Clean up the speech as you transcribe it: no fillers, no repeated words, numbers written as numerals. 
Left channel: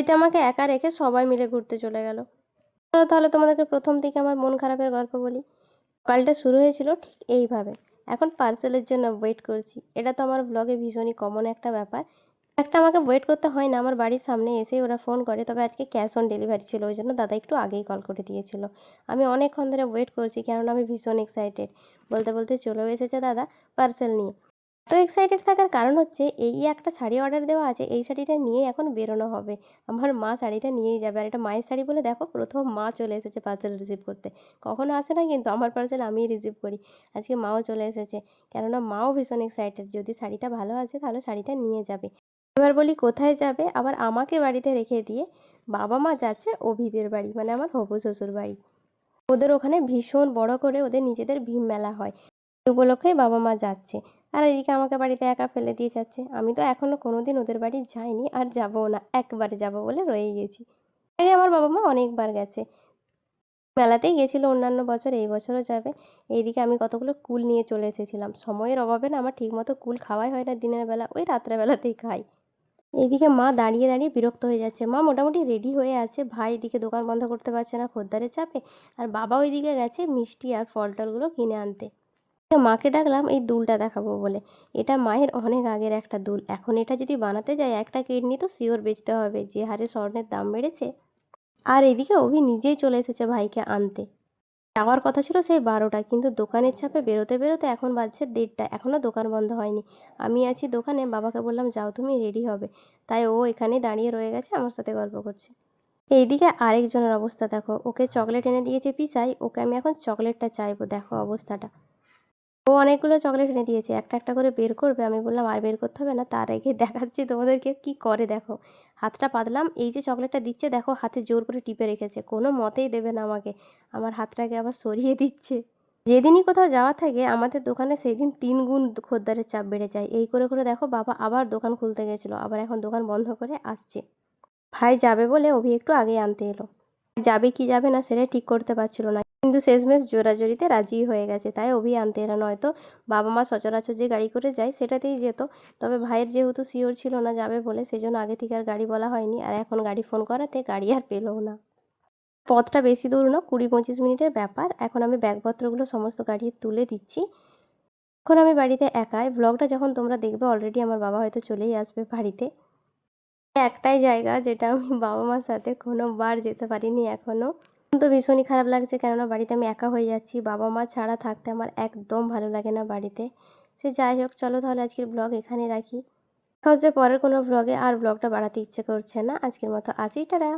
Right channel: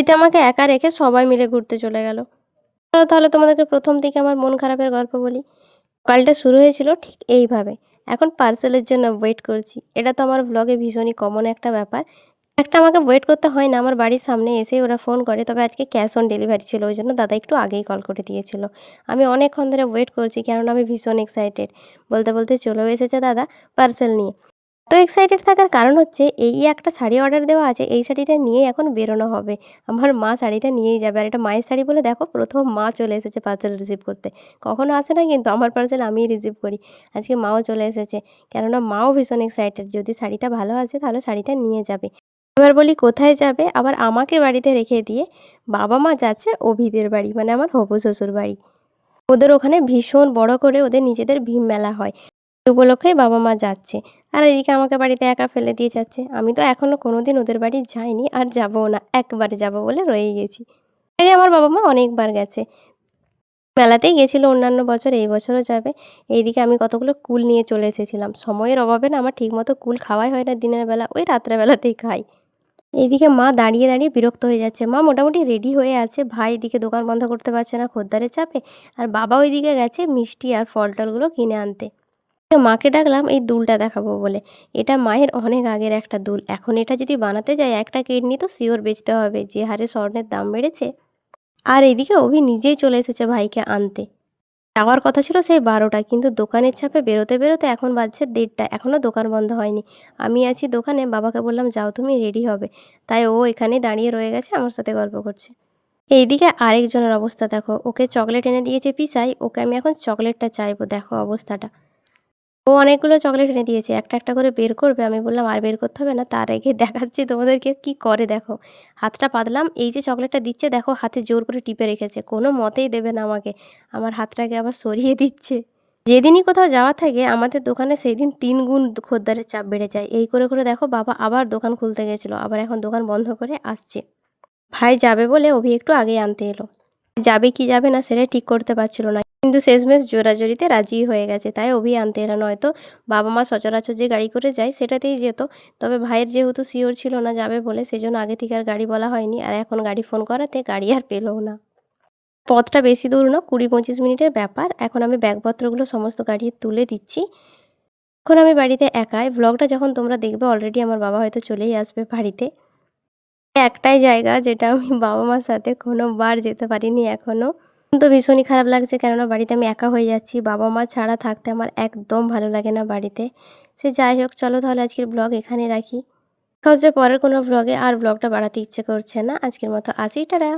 বাড়িতে আমাকে একা রেখে সবাই মিলে ঘুরতে চলে গেল। চলো তাহলে তোমাদেরকে প্রথম থেকে আমার মন খারাপের গল্প বলি। সকালটা শুরু হয়েছিল ঠিক এইভাবে। এখন পার্সেলের জন্য ওয়েট করছি। এটা তো আমার ব্লগে ভীষণই কমন একটা ব্যাপার। একটা আমাকে ওয়েট করতে হয় না, আমার বাড়ির সামনে এসেই ওরা ফোন করে। তবে আজকে ক্যাশ অন ডেলিভারি ছিল, ওই জন্য দাদা একটু আগেই কল করে দিয়েছিল। আমি অনেকক্ষণ ধরে ওয়েট করছি, কেননা আমি ভীষণ এক্সাইটেড। বলতে বলতে চলেও এসেছে দাদা পার্সেল নিয়ে। এত এক্সাইটেড থাকার কারণ হচ্ছে এই একটা শাড়ি অর্ডার দেওয়া আছে, এই শাড়িটা নিয়েই এখন বেরোনো হবে। আমার মা শাড়িটা নিয়েই যাবে, আর এটা মায়ের শাড়ি বলে দেখো প্রথম মা চলে এসেছে পার্সেল রিসিভ করতে। কখনো আসে না কিন্তু আমার পার্সেল আমিই রিসিভ করি। আজকে মাও চলে এসেছে, কেননা মাও ভীষণ এক্সাইটেড, যদি শাড়িটা ভালো আসে তাহলে শাড়িটা নিয়ে যাবে। এবার বলি কোথায় যাবে, আবার আমাকে বাড়িতে রেখে দিয়ে বাবা মা যাচ্ছে অভিদের বাড়ি, মানে আমার হবু শ্বশুর বাড়ি। ওদের ওখানে ভীষণ বড় করে ওদের নিজেদের ভীম মেলা হয়, এই উপলক্ষেই বাবা মা যাচ্ছে। আর এদিকে আমাকে বাড়িতে একা ফেলে দিয়ে যাচ্ছে। আমি তো এখনো কোনোদিন ওদের বাড়ি যাইনি, আর যাবও না, একবার যাব বলে রয়ে গেছি। আগে আমার বাবা মা অনেকবার গেছে, মেলাতেই গেছিল অন্যান্য বছর, এই বছরও যাবে। এইদিকে আমি কতগুলো কুল নিয়ে চলে এসেছিলাম, সময়ের অভাবে না আমার ঠিকমতো কুল খাওয়াই হয় না দিনের বেলা, ওই রাত্রেবেলাতেই খাই। এইদিকে মা দাঁড়িয়ে দাঁড়িয়ে বিরক্ত হয়ে যাচ্ছে। মা মোটামুটি রেডি হয়ে আছে, ভাই এদিকে দোকান বন্ধ করতে পারছে না খদ্দারের চাপে, আর বাবা ওইদিকে গেছে মিষ্টি আর ফল টলগুলো কিনে আনতে। মাকে ডাকলাম এই দুলটা দেখাবো বলে। এটা মায়ের অনেক আগের একটা দুল, এখন এটা যদি বানাতে যাই একটা কিডনি তো শিওর বেচতে হবে, যে হারে স্বর্ণের দাম বেড়েছে। আর এদিকে অভি নিজেই চলে এসেছে ভাইকে আনতে। যাওয়ার কথা ছিল সেই 12টা, কিন্তু দোকানের চাপে বেরোতে বেরোতে এখন বাজছে 1:30, এখনও দোকান বন্ধ হয়নি। আমি আছি দোকানে, বাবাকে বললাম যাও তুমি রেডি হবে, তাই ও এখানে দাঁড়িয়ে রয়ে গেছে আমার সাথে গল্প করছে। এইদিকে আরেকজনের অবস্থা দেখো, ওকে চকলেট এনে দিয়েছে পিসাই, ওকে আমি এখন চকলেটটা চাইবো, দেখো অবস্থাটা। ও অনেকগুলো চকলেট এনে দিয়েছে, একটা একটা করে বের করবে। আমি বললাম আর বের করতে হবে না, তার আগে দেখাচ্ছি তোমাদেরকে কি করে দেখো। হাতটা পাতলাম, এই যে চকলেটটা দিচ্ছে দেখো হাতে জোর করে টিপে রেখেছে, কোনো মতেই দেবে না আমাকে। আমার হাতটাকে আবার সরিয়ে দিচ্ছে। যেদিনই কোথাও যাওয়া থাকে আমাদের দোকানে সেই দিন 3 গুণ খদ্দারের চাপ বেড়ে যায়। এই করে করে দেখো বাবা আবার দোকান খুলতে গেছিলো, আবার এখন দোকান বন্ধ করে আসছে। ভাই যাবে বলে অভি একটু আগেই আনতে এলো। যাবে কি যাবে না সেটাই ঠিক করতে পারছিল না, কিন্তু শেষমেশ জোরাজুরিতে রাজিই হয়ে গেছে, তাই অভি আনতে এলো। নয়তো বাবা মা সচরাচর যে গাড়ি করে যায় সেটাতেই যেত। তবে ভাইয়ের যেহেতু শিওর ছিল না যাবে বলে, সেজন্য আগে থেকে আর গাড়ি বলা হয়নি, আর এখন গাড়ি ফোন করাতে গাড়ি আর পেলও না। পথটা বেশি দূর না, 20-25 মিনিটের ব্যাপার। এখন আমি ব্যাগপত্রগুলো সমস্ত গাড়ি তুলে দিচ্ছি। এখন আমি বাড়িতে একাই। ব্লগটা যখন তোমরা দেখবে অলরেডি আমার বাবা হয়তো চলেই আসবে বাড়িতে। একটাই জায়গা যেটা আমি বাবা মার সাথে কোনোবার যেতে পারিনি এখনো। তো ভীষণই খারাপ লাগছে, কেননা বাড়িতে আমি একা হয়ে যাচ্ছি। বাবা মা ছাড়া থাকতে আমার একদম ভালো লাগে না বাড়িতে। সে যাই হোক, চলো তাহলে আজকের ব্লগ এখানে রাখি। দেখা হচ্ছে পরের কোনো ব্লগে, আর ব্লগটা বাড়াতে ইচ্ছে করছে না। আজকের মতো আসি, টাটা।